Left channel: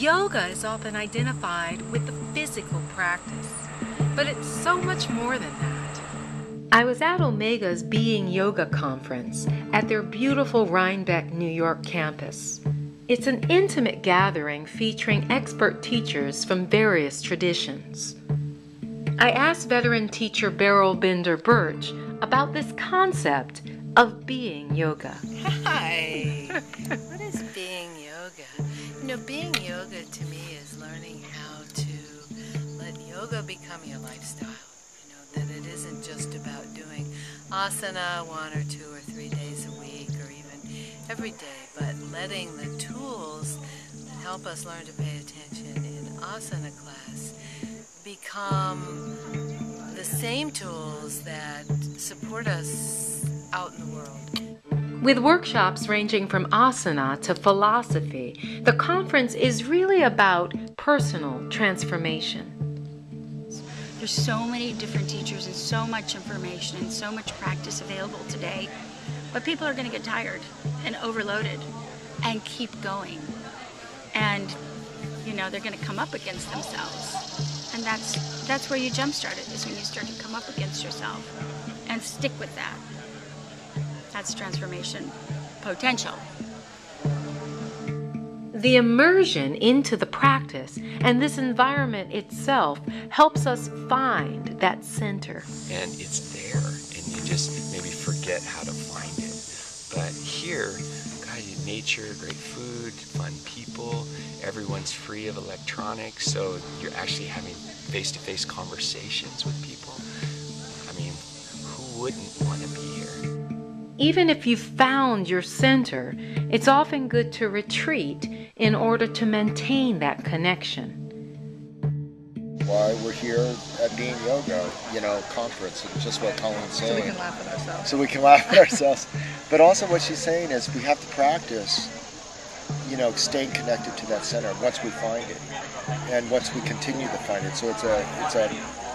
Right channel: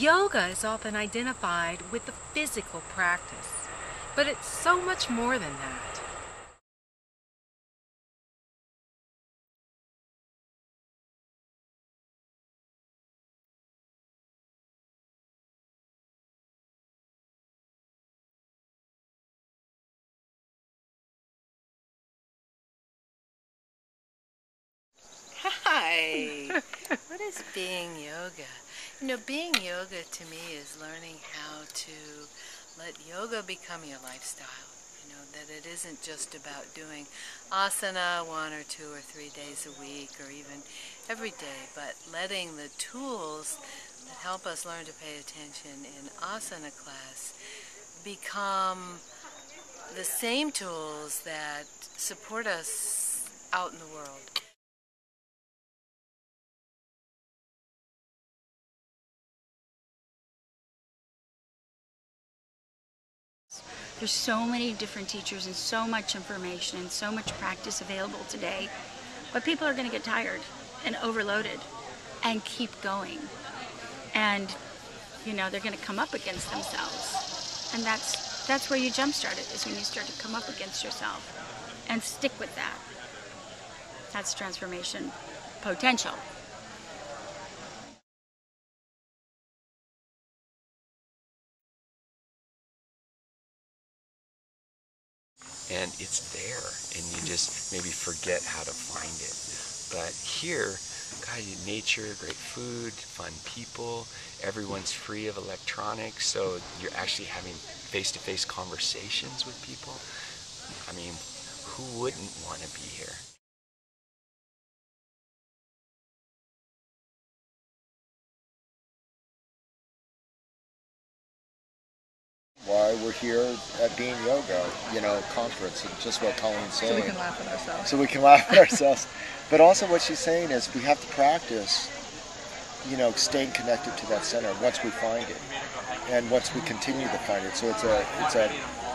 Yoga is often identified with the physical practice, but it's so much more than that. I was at Omega's Being Yoga conference at their beautiful Rhinebeck, New York campus. It's an intimate gathering featuring expert teachers from various traditions. I asked veteran teacher Beryl Bender Birch about this concept of being yoga. Hi! What is being yoga? You know, being yoga to me is learning how to let yoga become your lifestyle. You know, that it isn't just about doing asana 1 or 2 or 3 days a week or even every day, but letting the tools that help us learn to pay attention in asana class become the same tools that support us out in the world. With workshops ranging from asana to philosophy, the conference is really about personal transformation. There's so many different teachers and so much information and so much practice available today, but people are going to get tired and overloaded and keep going. And, you know, they're going to come up against themselves. And that's where you jumpstart it, is when you start to come up against yourself and stick with that. That's transformation potential. The immersion into the practice and this environment itself helps us find that center. And it's there, and you just maybe forget how to find it. But here, God, nature, great food, fun people, everyone's free of electronics, so you're actually having face-to-face conversations with people. I mean, who wouldn't want to be here? Even if you've found your center, it's often good to retreat in order to maintain that connection. Why we're here at Being Yoga, conference, and just what Colleen's saying. So we can laugh at ourselves. So we can laugh at ourselves. But also what she's saying is we have to practice, staying connected to that center once we find it. And once we continue to find it. So it's a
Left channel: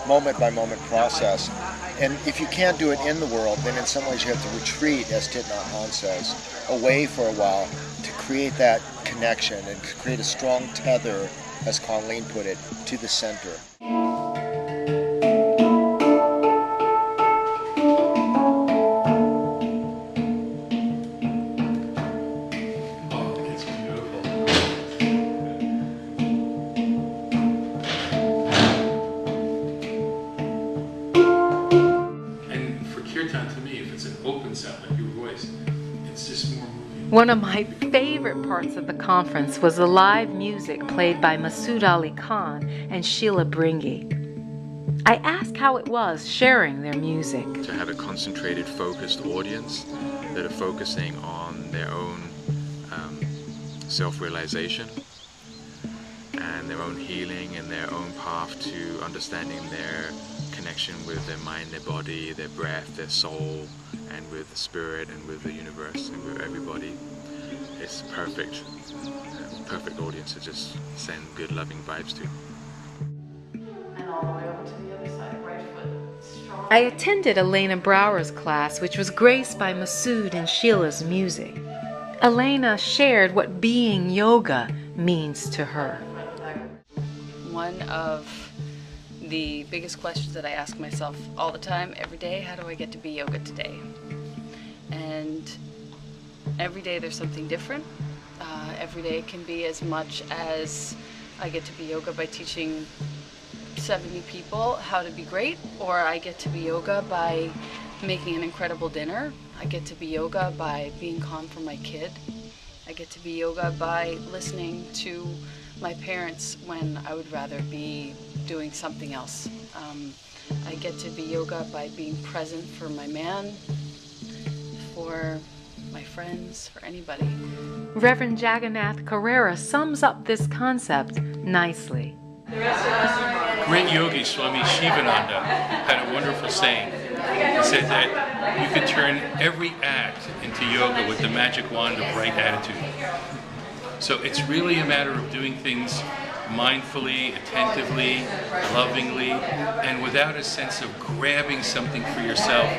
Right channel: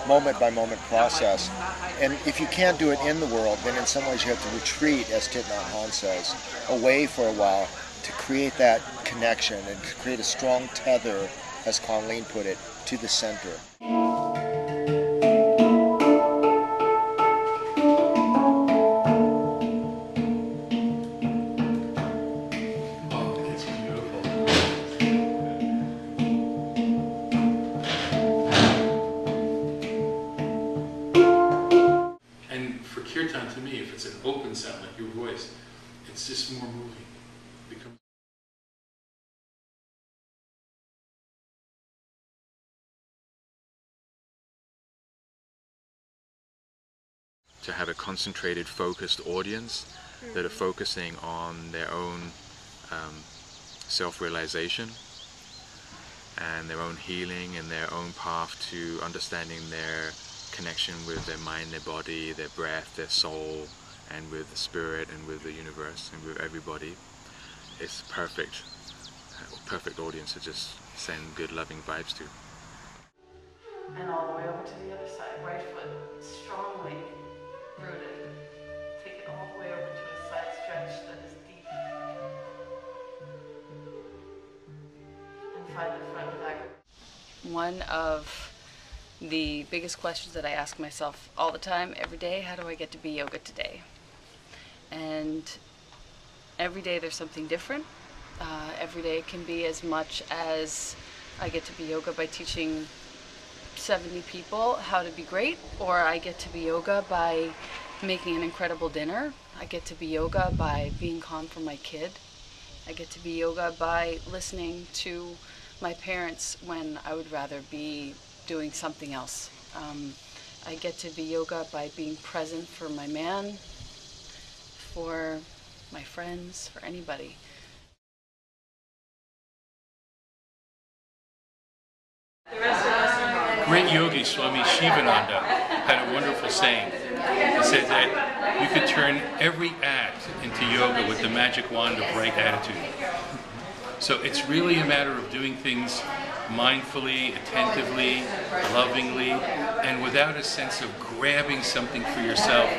moment-by-moment process. And if you can't do it in the world, then in some ways you have to retreat, as Thich Nhat Hanh says, away for a while to create that connection and to create a strong tether, as Colleen put it, to the center. To me, if it's an open sound like your voice, it's just more moving. One of my favorite parts of the conference was the live music played by Masood Ali Khan and Sheela Bringi. I asked how it was sharing their music. To have a concentrated, focused audience that are focusing on their own self-realization and their own healing and their own path to understanding their connection with their mind, their body, their breath, their soul, and with the spirit and with the universe and with everybody. It's perfect audience to just send good loving vibes to. And all the way over to the other side, right foot strong. I attended Elena Brower's class, which was graced by Masood and Sheila's music. Elena shared what being yoga means to her. One of the biggest questions that I ask myself all the time, every day, how do I get to be yoga today? And every day there's something different. Every day can be as much as I get to be yoga by teaching 70 people how to be great, or I get to be yoga by making an incredible dinner. I get to be yoga by being calm for my kid. I get to be yoga by listening to my parents when I would rather be doing something else. I get to be yoga by being present for my man, for my friends, for anybody. Reverend Jaganath Carrera sums up this concept nicely. Great yogi Swami Shivananda had a wonderful saying. He said that you could turn every act into yoga with the magic wand of right attitude. So it's really a matter of doing things mindfully, attentively, lovingly, and without a sense of grabbing something for yourself,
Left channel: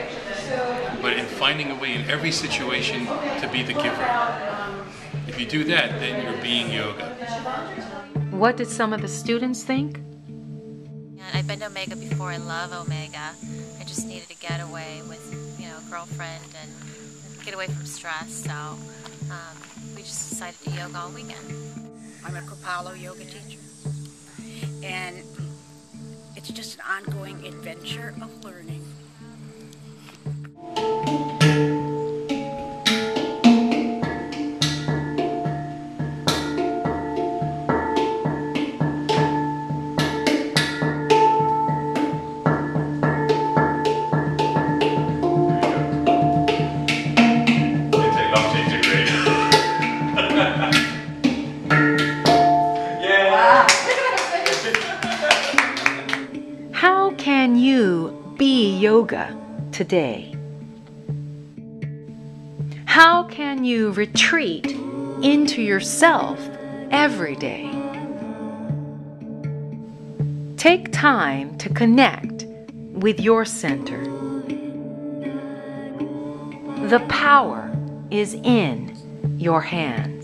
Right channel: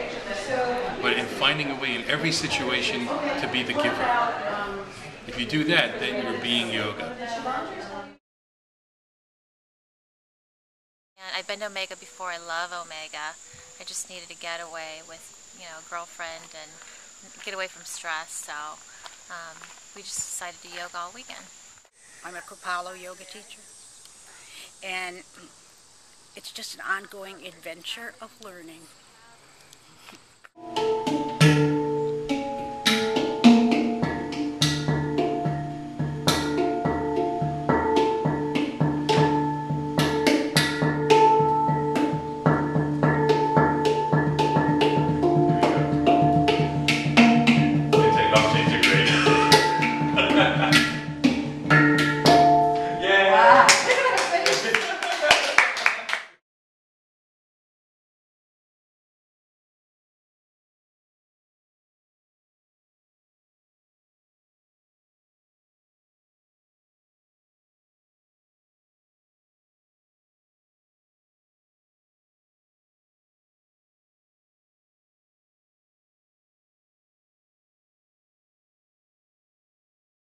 but in finding a way in every situation to be the giver. If you do that, then you're being yoga. What did some of the students think? I've been to Omega before. I love Omega. I just needed to get away with, a girlfriend and get away from stress. So we just decided to yoga all weekend. I'm a Kripalu yoga teacher, and it's just an ongoing adventure of learning. How can you be yoga today? How can you retreat into yourself every day? Take time to connect with your center. The power is in your hand.